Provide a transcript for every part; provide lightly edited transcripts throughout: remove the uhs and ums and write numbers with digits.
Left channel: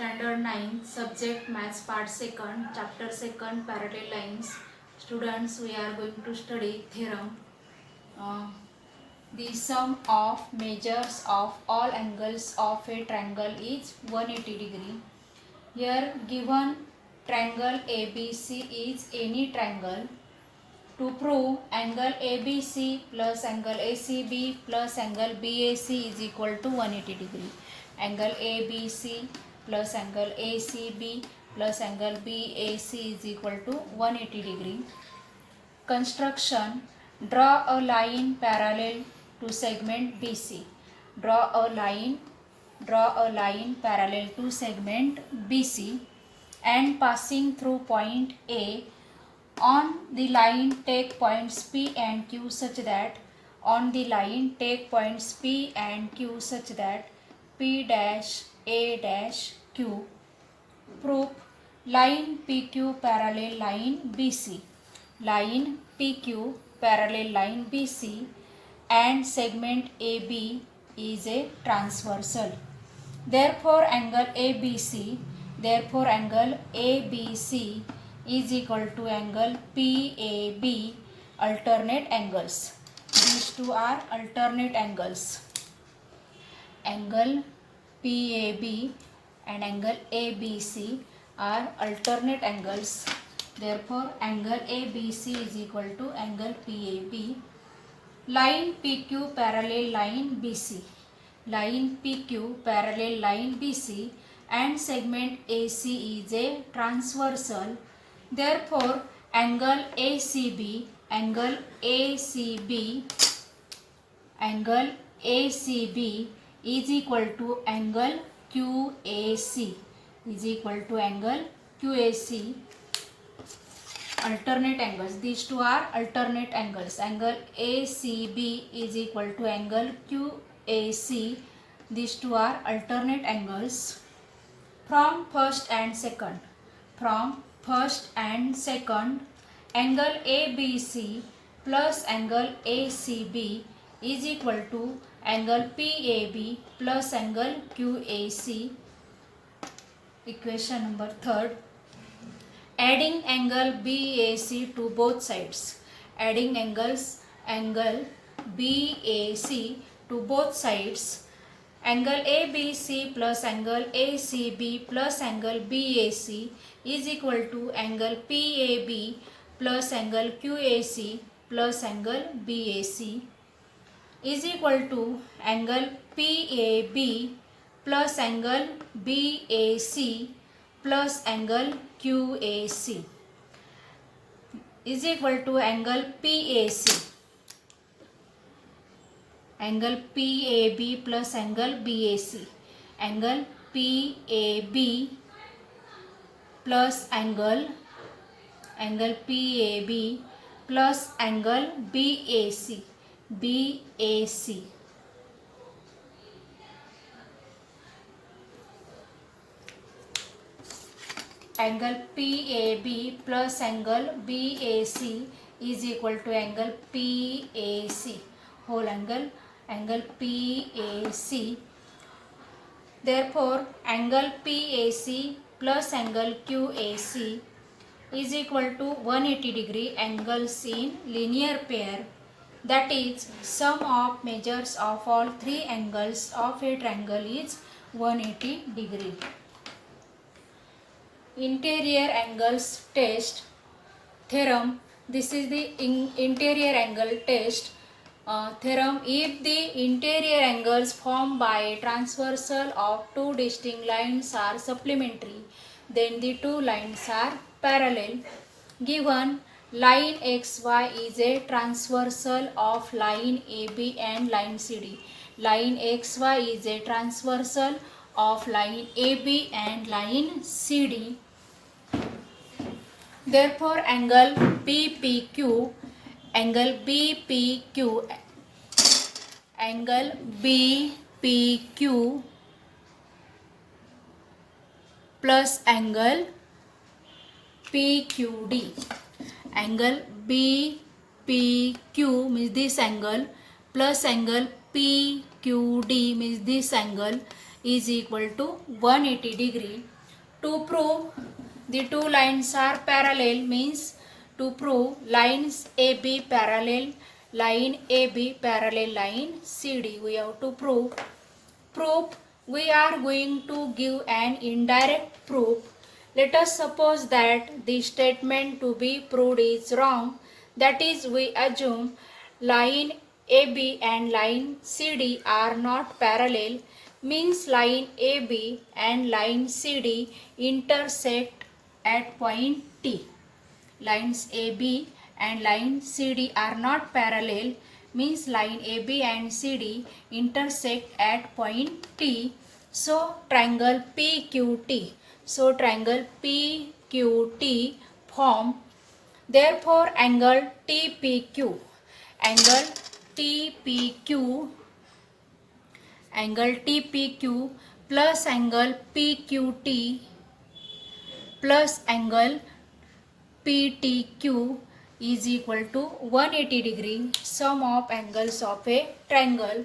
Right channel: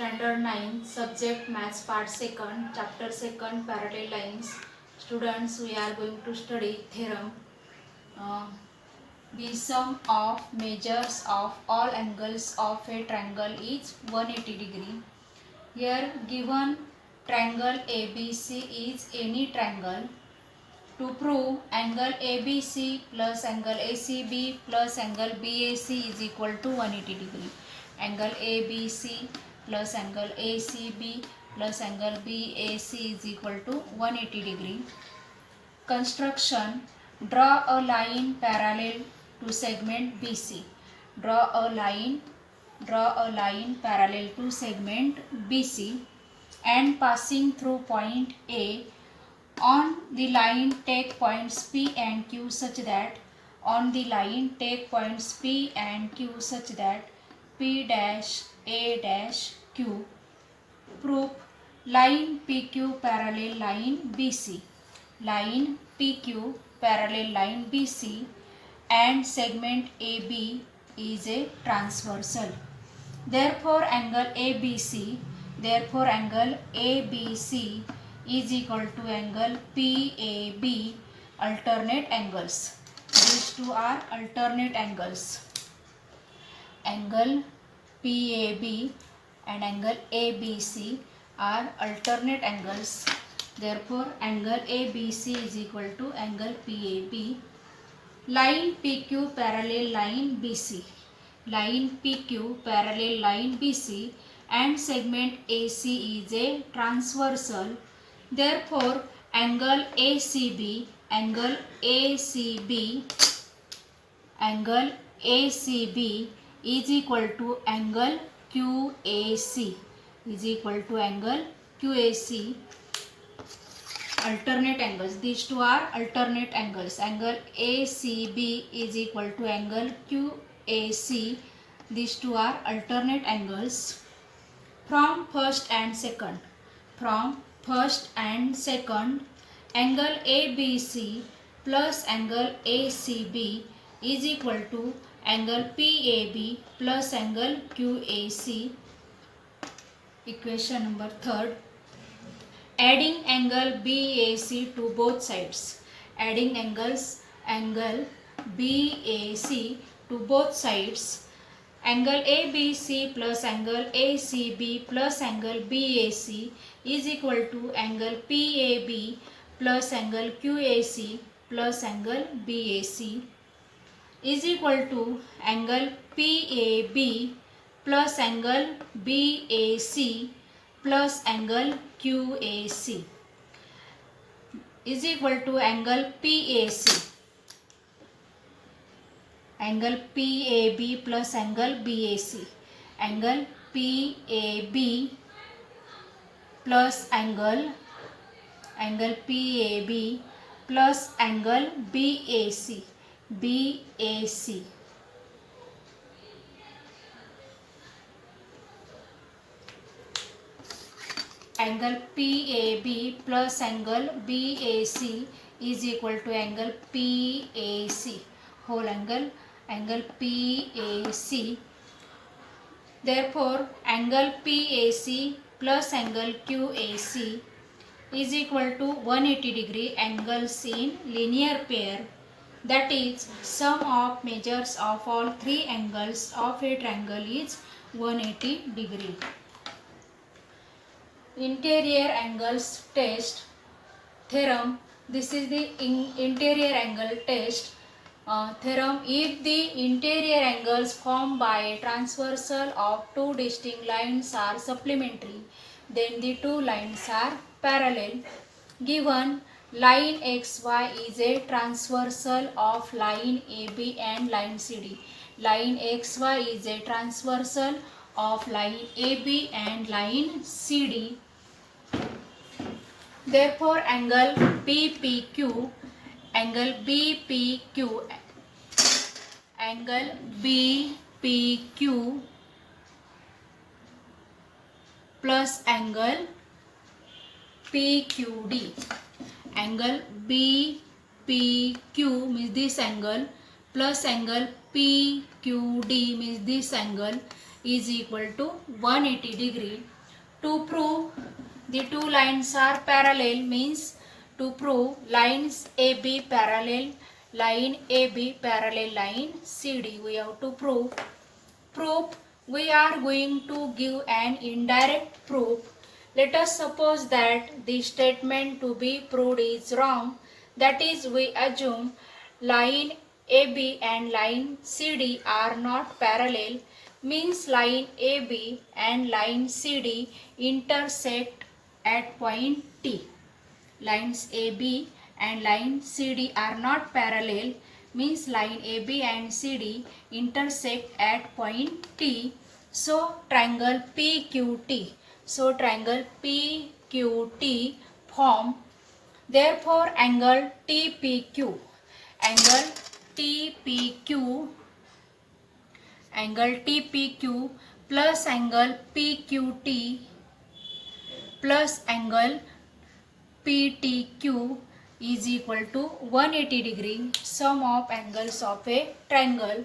Standard 9, Subject Maths Part 2nd, Chapter 2nd, Parallel Lines. Students, we are going to study theorem. The sum of measures of all angles of a triangle is 180 degree. Here given triangle ABC is any triangle. To prove angle ABC plus angle ACB plus angle BAC is equal to 180 degree. Angle ABC plus angle ACB plus angle BAC is equal to 180 degree. Construction. Draw a line parallel to segment BC. Draw a line parallel to segment BC and passing through point A. On the line take points P and Q such that P dash A dash Q. Proof. Line PQ parallel line BC. Line PQ parallel line BC and segment AB is a transversal. Therefore angle ABC is equal to angle PAB, alternate angles. These two are alternate angles. Angle PAB and angle ABC are alternate angles. Therefore angle ABC is equal to angle PAB. Line PQ parallel line BC. Line PQ parallel line BC and segment AC is a transversal. Therefore angle ACB is equal to angle QAC alternate angles. These two are alternate angles. Angle ACB is equal to angle QAC. These two are alternate angles. From first and second, angle ABC plus angle ACB is equal to angle PAB plus angle QAC. Equation number 3rd. Adding angle BAC to both sides. Adding angle BAC to both sides. Angle ABC plus angle ACB plus angle BAC is equal to angle PAB plus angle QAC plus angle BAC is equal to angle PAB plus angle BAC plus angle QAC is equal to angle PAC. Angle PAB plus angle BAC. Angle PAB plus angle PAB plus angle BAC. Angle PAB plus angle BAC is equal to angle PAC whole angle PAC. Therefore angle PAC plus angle QAC is equal to 180 degree angles in linear pair, that is sum of measures of all three angles of a triangle is 180 degree. Interior angles test theorem. This is the interior angle test theorem. If the interior angles formed by a transversal of two distinct lines are supplementary, then the two lines are parallel. Given line XY is a transversal of line AB and line CD. Line XY is a transversal of line AB and line CD. Therefore angle BPQ plus angle PQD. Angle BPQ means this angle plus angle PQD means this angle is equal to 180 degree. To prove the two lines are parallel means to prove lines AB parallel line AB parallel line CD, we have to prove. We are going to give an indirect proof. Let us suppose that the statement to be proved is wrong. That is, we assume line AB and line CD are not parallel, means line AB and line CD intersect at point T. Lines AB and line CD are not parallel, means line AB and CD intersect at point T. So triangle PQT. So triangle PQT form. Therefore angle TPQ. Angle TPQ. Angle TPQ plus angle PQT plus angle PTQ is equal to 180 degree, sum of angles of a triangle.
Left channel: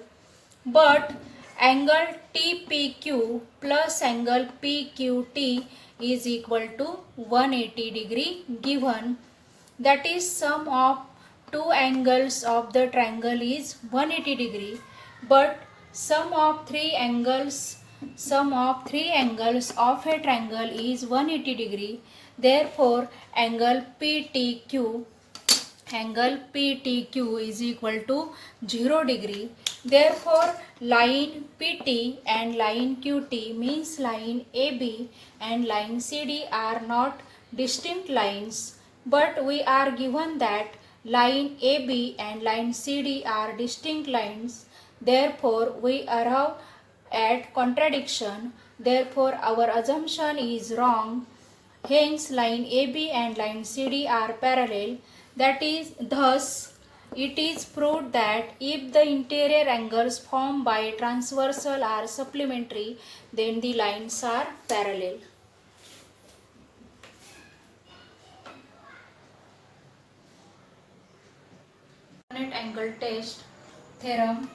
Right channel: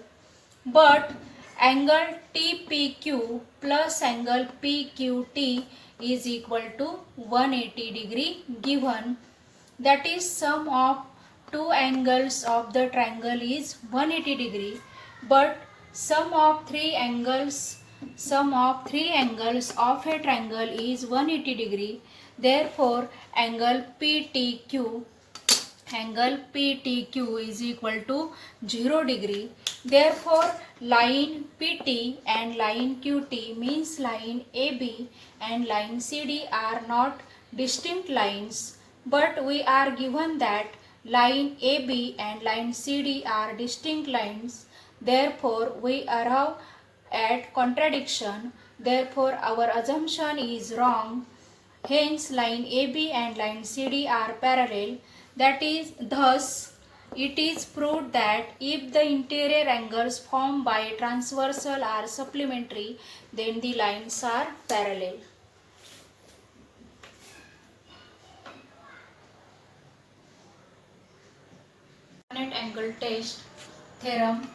But angle TPQ plus angle PQT is equal to 180 degree given. That is, sum of two angles of the triangle is 180 degree, but sum of three angles of a triangle is 180 degree. Therefore angle PTQ is equal to 0 degree. Therefore line PT and line QT means line AB and line CD are not distinct lines, but we are given that line AB and line CD are distinct lines. Therefore we arrive at contradiction. Therefore our assumption is wrong. Hence line AB and line CD are parallel. That is, thus it is proved that if the interior angles formed by transversal are supplementary, then the lines are parallel. Alternate angle test theorem.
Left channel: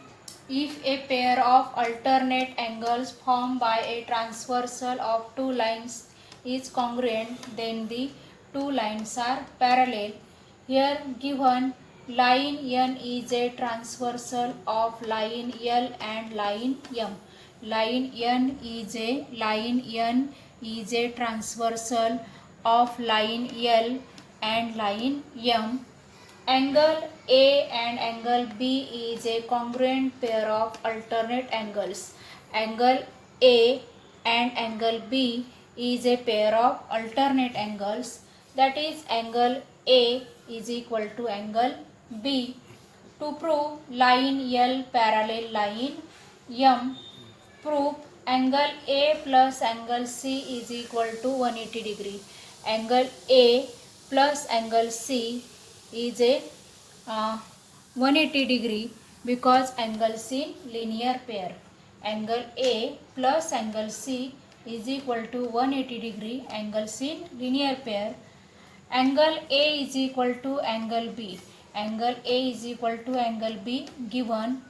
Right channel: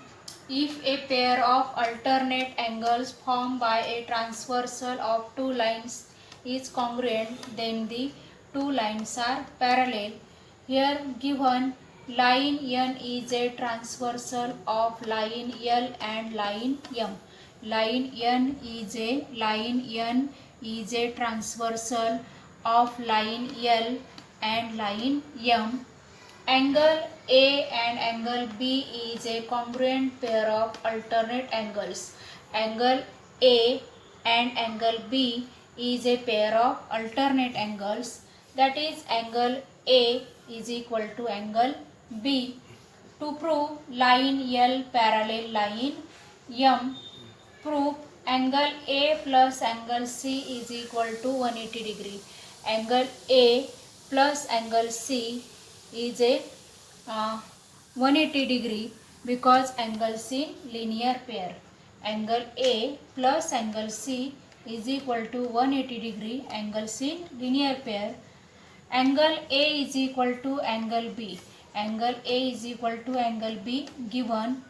If a pair of alternate angles formed by a transversal of two lines is congruent, then the two lines are parallel. Here given line N is a transversal of line L and line M. Line N is a transversal of line L and line M. Angle A and angle B is a congruent pair of alternate angles. Angle A and angle B is a pair of alternate angles. That is, angle A is equal to angle B. To prove line L parallel line M, prove angle A plus angle C is equal to 180 degree. Angle A plus angle C is a 180 degree because angles in linear pair. Angle A plus angle C is equal to 180 degree angles in linear pair. Angle A is equal to angle B. Angle A is equal to angle B given.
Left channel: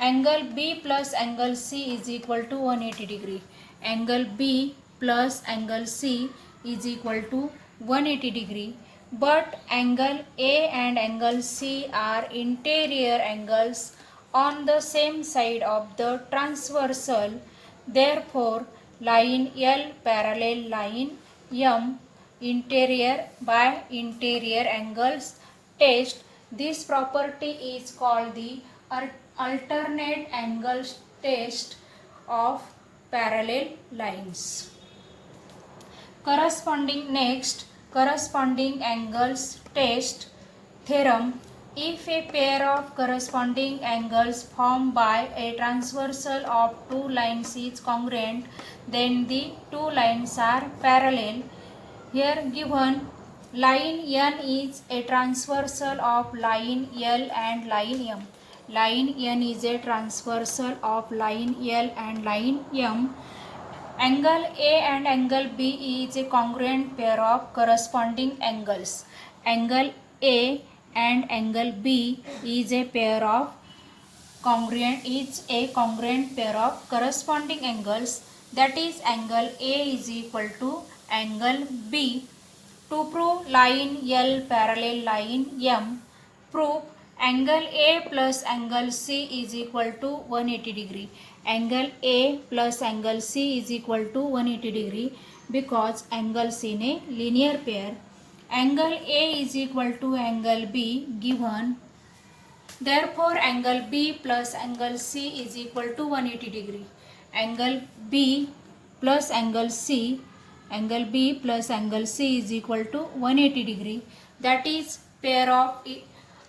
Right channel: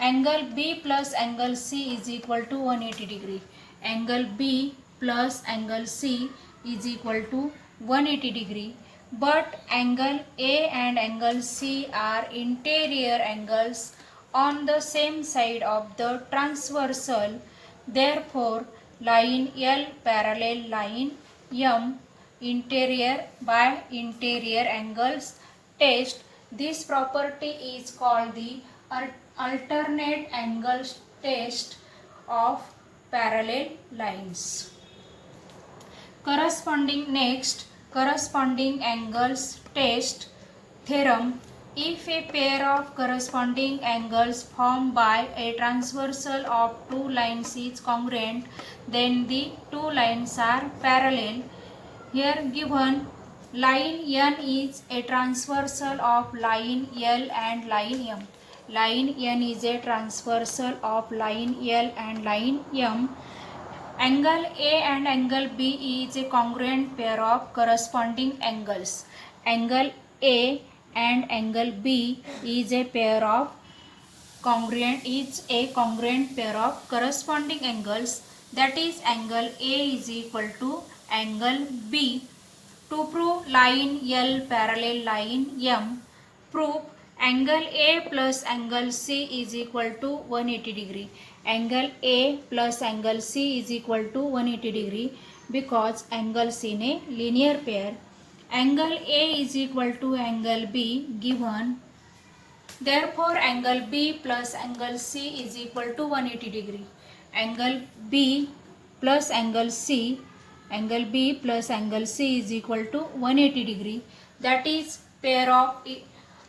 Angle B plus angle C is equal to 180 degree. Angle B plus angle C is equal to 180 degree. But angle A and angle C are interior angles on the same side of the transversal. Therefore, line L parallel line M interior by interior angles test. This property is called the alternate angles test of parallel lines. Corresponding angles test theorem. If a pair of corresponding angles formed by a transversal of two lines is congruent, then the two lines are parallel. Here given line N is a transversal of line L and line M. Line N is a transversal of line L and line M. Angle A and angle B is a congruent pair of corresponding angles. Angle A and angle B is a pair of congruent is a congruent pair of corresponding angles, that is angle A is equal to angle B. To prove line L parallel line M, prove angle A plus angle C is equal to 180 degree. Angle A plus angle C is equal to 180 degree because angles in a linear pair. Angle A is equal to angle B given. Therefore, angle B plus angle C is equal to 180 degree. Angle B plus angle C, angle B plus angle C is equal to 180 degree. That is pair of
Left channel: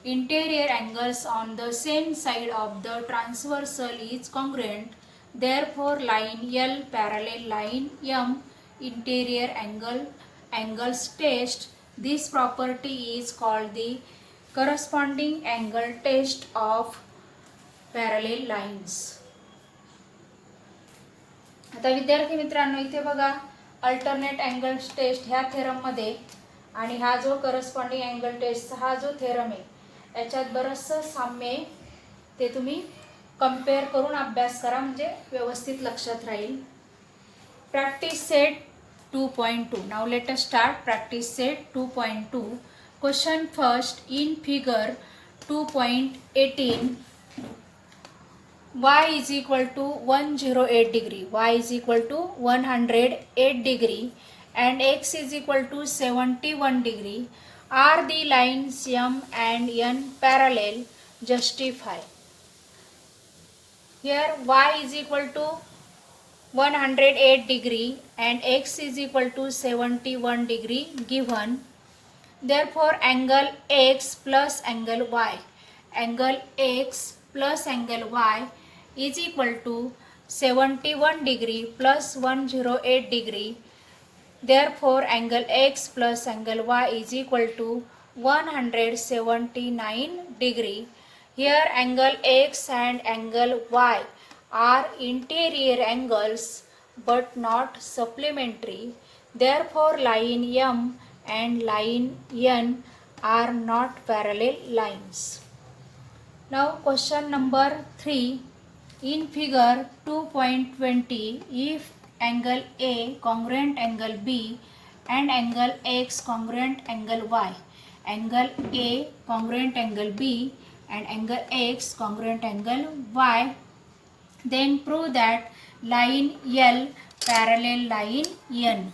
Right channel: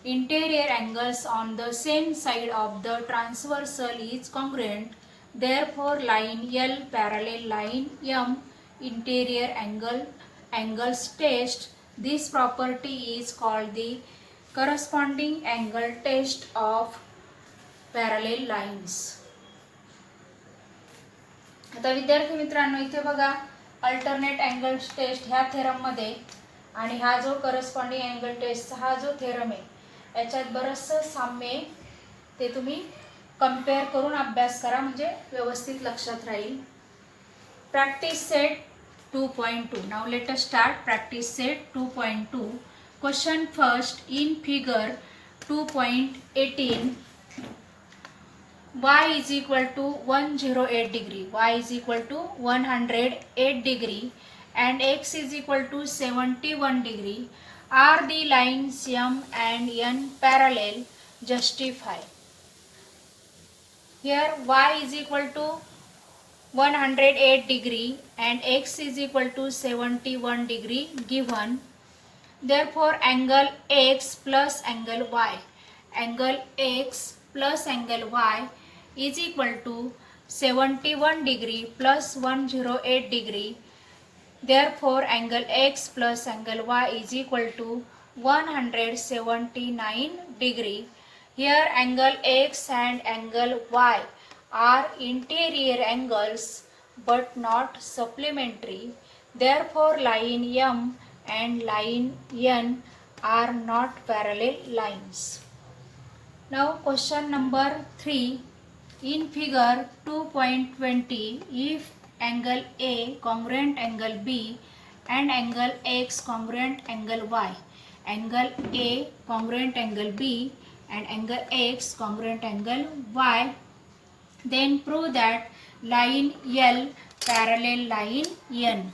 interior angles on the same side of the transversal is congruent. Therefore, line L parallel line M interior angles test. This property is called the corresponding angle test of parallel lines. आता विद्यार्थी मित्रांनो इथे बघा alternate angle test ह्या theorem मध्ये आणि हा जो करस्पॉन्डिंग अँगल टेस्ट हा जो थेरम आहे याच्यात बरंचसं साम्य आहे, ते तुम्ही कंपेअर करून अभ्यास करा म्हणजे व्यवस्थित लक्षात राहील. Practice set 2.2. Now let us start practice set 2.2. Question first. In figure 2.18, y is equal to 108 degree, y is equal to 108 degree and x is equal to 71 degree. Are the lines M and N parallel? Justify. Here y is equal to 108 degree and x is equal to 71 degree given. Therefore, angle x plus angle y, angle x plus angle y is equal to 71 degree plus 108 degree. Therefore, angle x plus angle y is equal to 179 degree. Here, angle x and angle y are interior angles but not supplementary. Therefore, line M and line N are not parallel lines. Now question number 3. In figure 2.20, if angle A congruent angle B and angle X congruent angle Y, angle A congruent angle B and angle X congruent angle Y, then prove that line L parallel line N.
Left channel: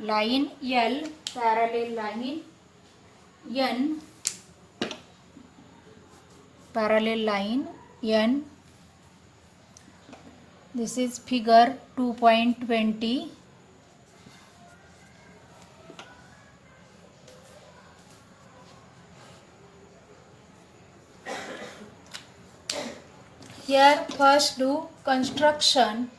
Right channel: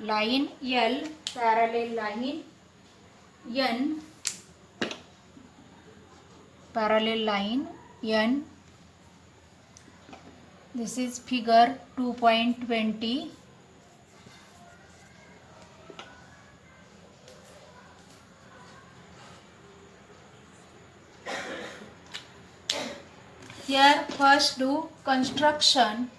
Line L parallel line N, parallel line N. This is figure 2.20. Here first do construction.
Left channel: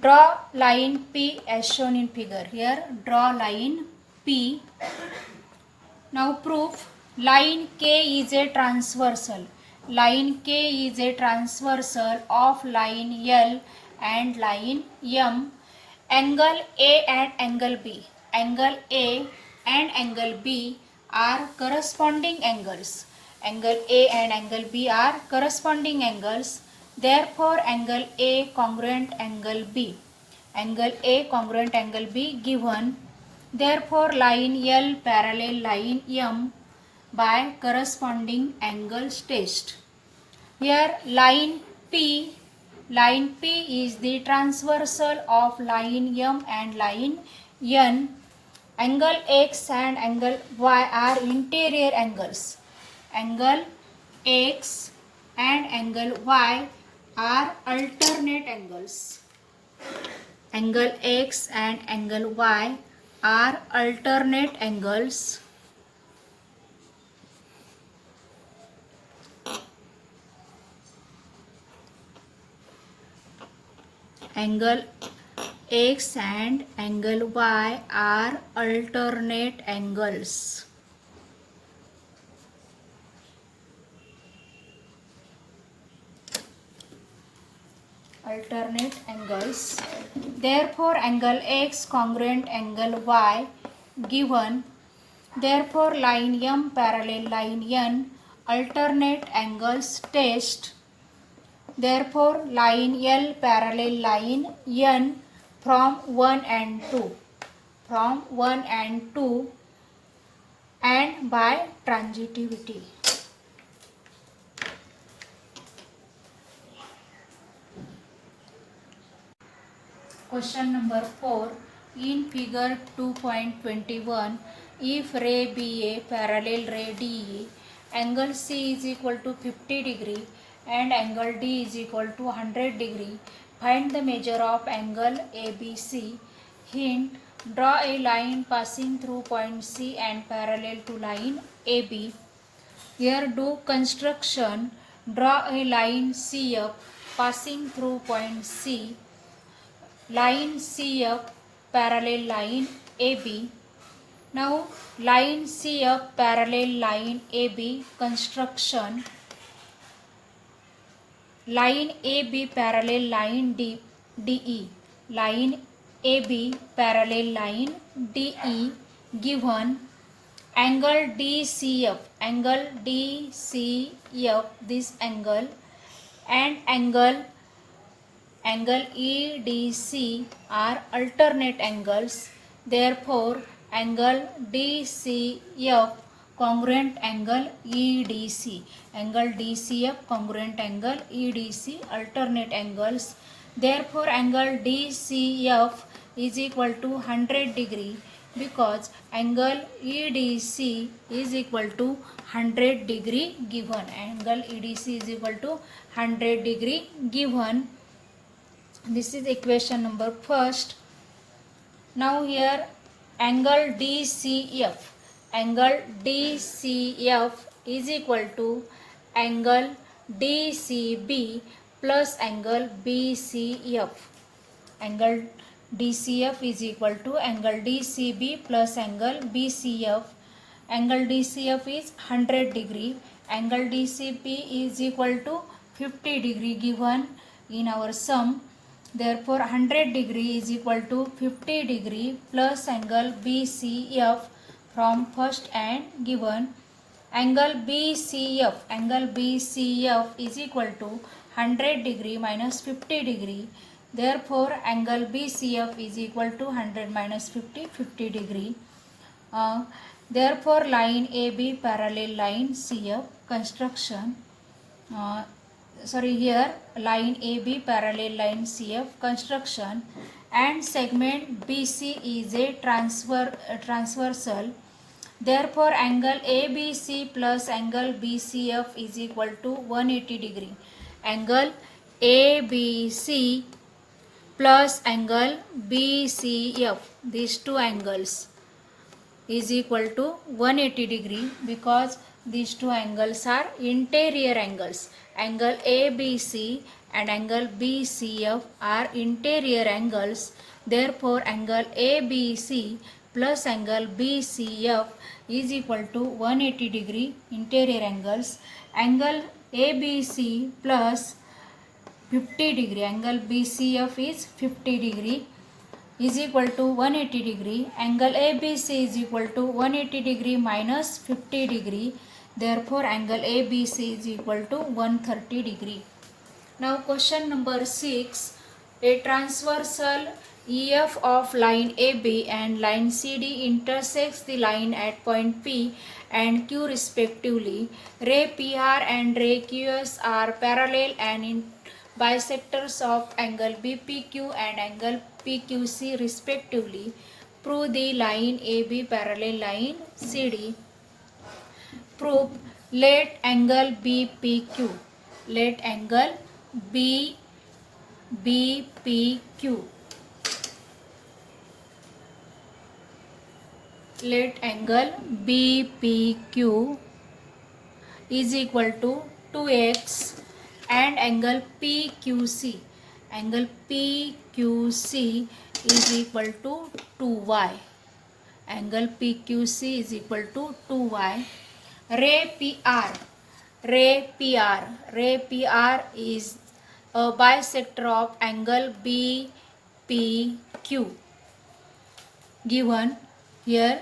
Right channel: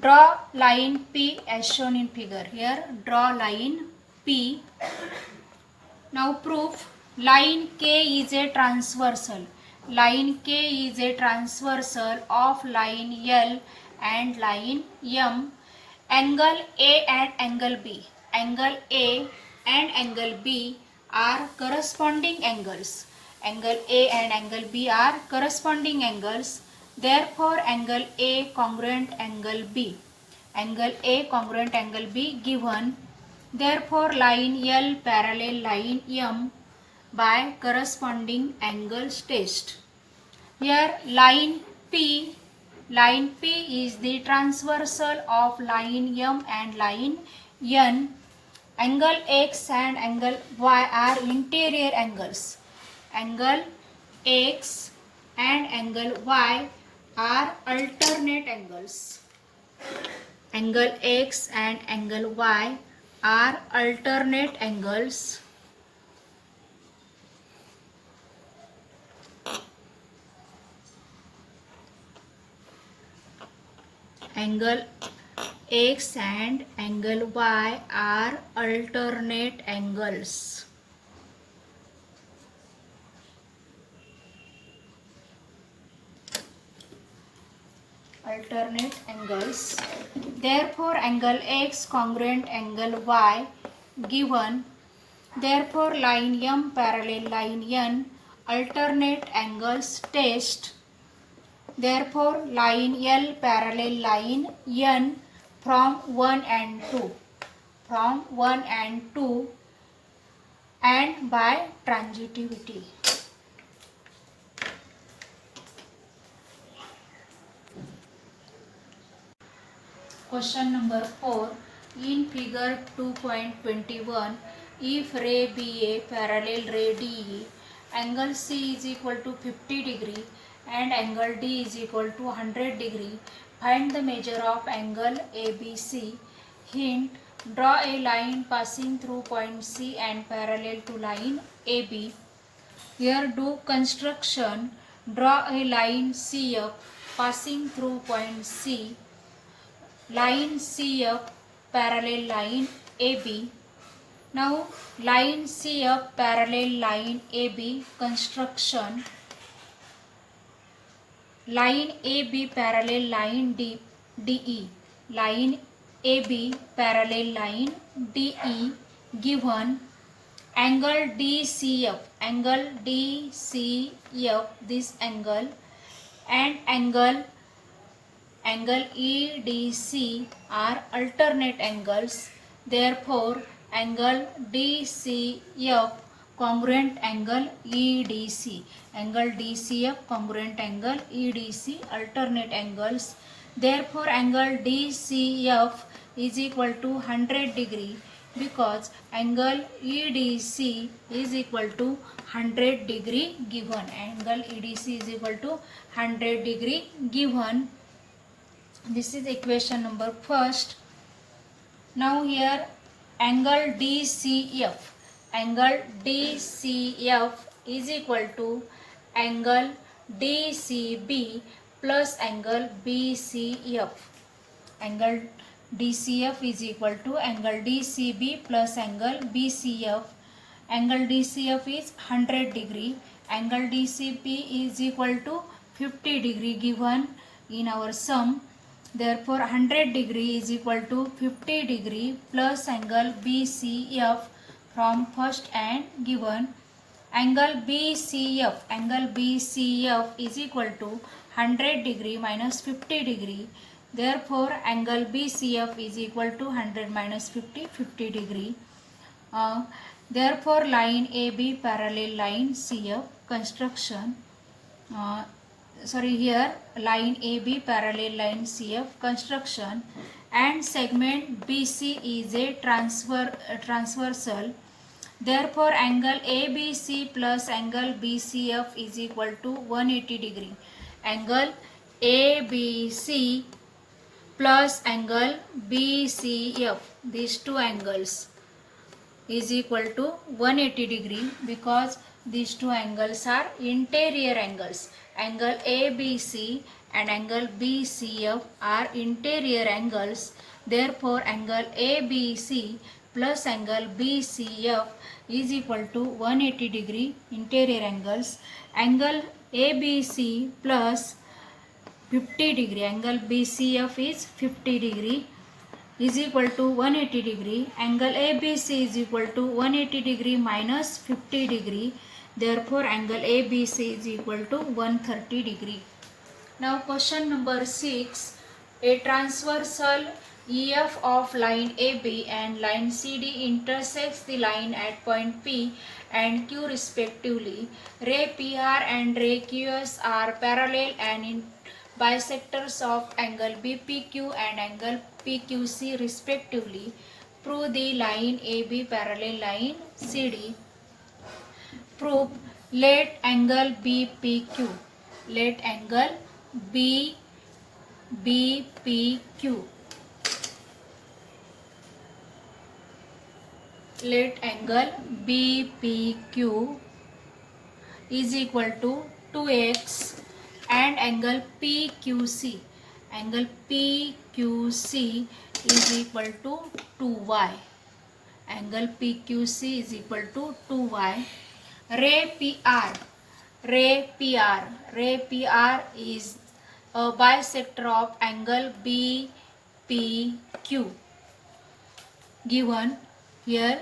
Draw line P as shown in figure. Here draw line P. Now proof line K is a transversal. Line K is a transversal of line L and line M. Angle A and angle B. Angle A and angle B are corresponding angles. Angle A and angle B are corresponding angles. Therefore, angle A congruent angle B. Angle A congruent angle B given. Therefore, line L parallel line M by corresponding angles test. Here line P is the transversal of line M and line N. Angle X and angle Y are interior angles. Angle X and angle Y are alternate angles. Angle X and angle Y are alternate angles. Angle X and angle Y are alternate angles. Alternate angles. Therefore, angle X congruent angle Y given. Therefore, line M parallel line N alternate angles test. Therefore, line L parallel line N from 1 and 2. From 1 and 2 and by transitivity. Question number 4. In figure 2.21, if ray BA parallel ray DE, angle C is equal to 50 degree and angle D is equal to 100 degree, find the measure of angle ABC. Hint: draw a line passing through point C and parallel to line AB. Here do construction. Draw a line CF passing through point C. Line CF parallel line AB. Now line CF parallel line AB construction. Line AB parallel line DE. Line AB parallel line DE given angle DCF. Angle DCF, this angle, and angle EDC are alternate angles. Therefore, angle DCF congruent angle EDC. Angle DCF congruent angle EDC alternate angles. Therefore, angle DCF is equal to 100 degree because angle EDC is equal to 100 degree given. Angle EDC is equal to 100 degree given. This is equation number first. Now here angle DCF. Angle DCF is equal to angle DCB plus angle BCF. Angle DCF is equal to angle DCB plus angle BCF. Angle DCF is 100 degree. Angle DCB is equal to 50 degree given in our sum. Therefore, 100 degree is equal to 50 degree plus angle BCF from first and given. Angle BCF is equal to 100 degree minus 50 degree. Therefore, angle BCF is equal to 100 minus 50, 50 degree. Therefore, line AB parallel line CF construction. Here line AB parallel line CF construction and segment BC is a transversal. Therefore, angle ABC plus angle BCF is equal to 180 degree. Angle ABC plus angle BCF, these two angles, is equal to 180 degree because these two angles are interior angles. Angle ABC and angle BCF are interior angles. Therefore, angle ABC plus angle BCF is equal to 180 degree interior angles. Angle ABC plus 50 degree, angle BCF is 50 degree, is equal to 180 degree. Angle ABC is equal to 180 degree minus 50 degree. Therefore, angle ABC is equal to 130 degree. Now, question number 6. A transversal EF of line AB and line CD intersects the line at point P and Q respectively. Ray PR and ray QS are parallel and in bisectors of angle BPQ and angle PQC respectively. Prove the line AB parallel line CD. Proof: let angle BPQ. Let angle BPQ. Let angle BPQ is equal to 2x and angle PQC. Angle PQC is equal to 2y. Angle PQC is equal to 2y. Ray PR is a bisector of angle BPQ given here.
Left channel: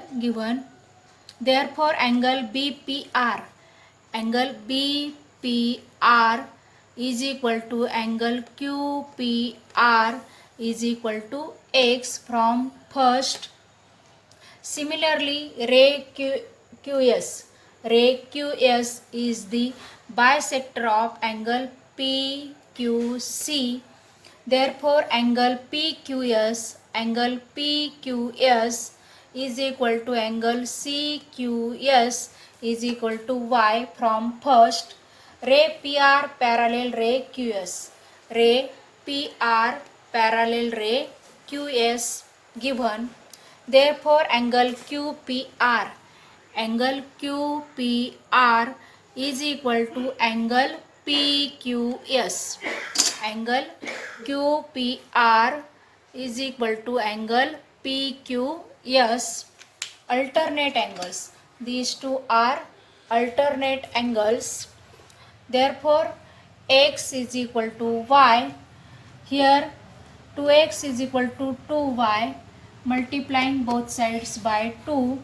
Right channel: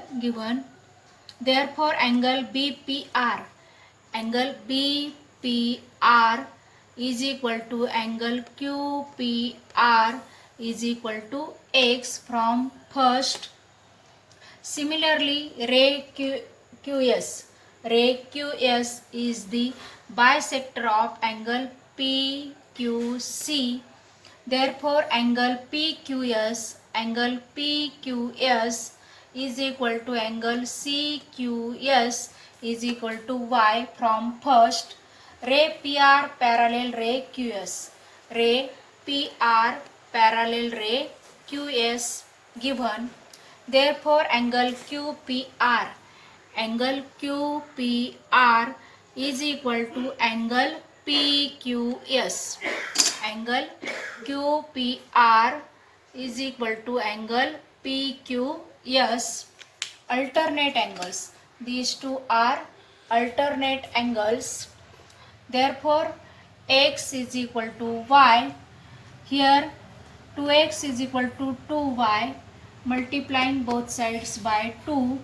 Therefore, angle BPR is equal to angle QPR is equal to x from first. Similarly, ray QS is the bisector of angle PQC. Therefore, angle PQS is equal to angle CQS is equal to y from first. Ray PR parallel ray QS. Ray PR parallel ray QS given. Therefore, angle QPR is equal to angle PQS. Angle QPR is equal to angle PQS. Alternate angles. These two are alternate angles. Therefore, x is equal to y. Here 2x is equal to 2y, multiplying both sides by 2.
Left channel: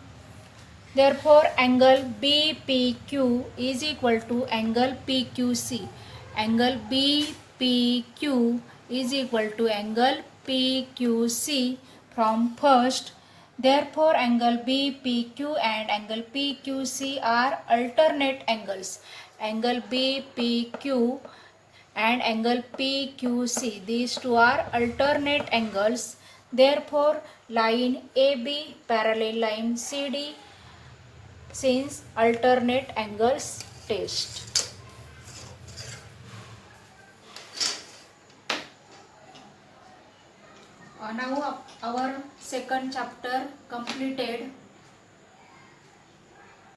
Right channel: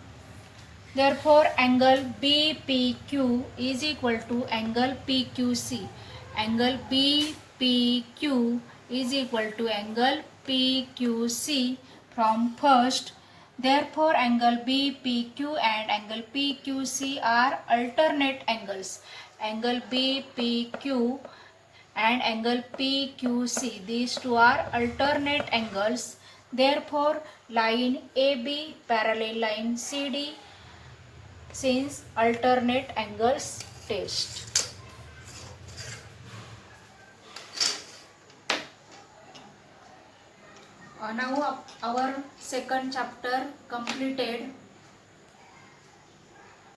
Therefore, angle BPQ is equal to angle PQC. Angle BPQ is equal to angle PQC from first. Therefore, angle BPQ and angle PQC are alternate angles. Angle BPQ and angle PQC. These two are alternate angles. Therefore, line AB parallel line CD since alternate angles test. Now our second chapter completed.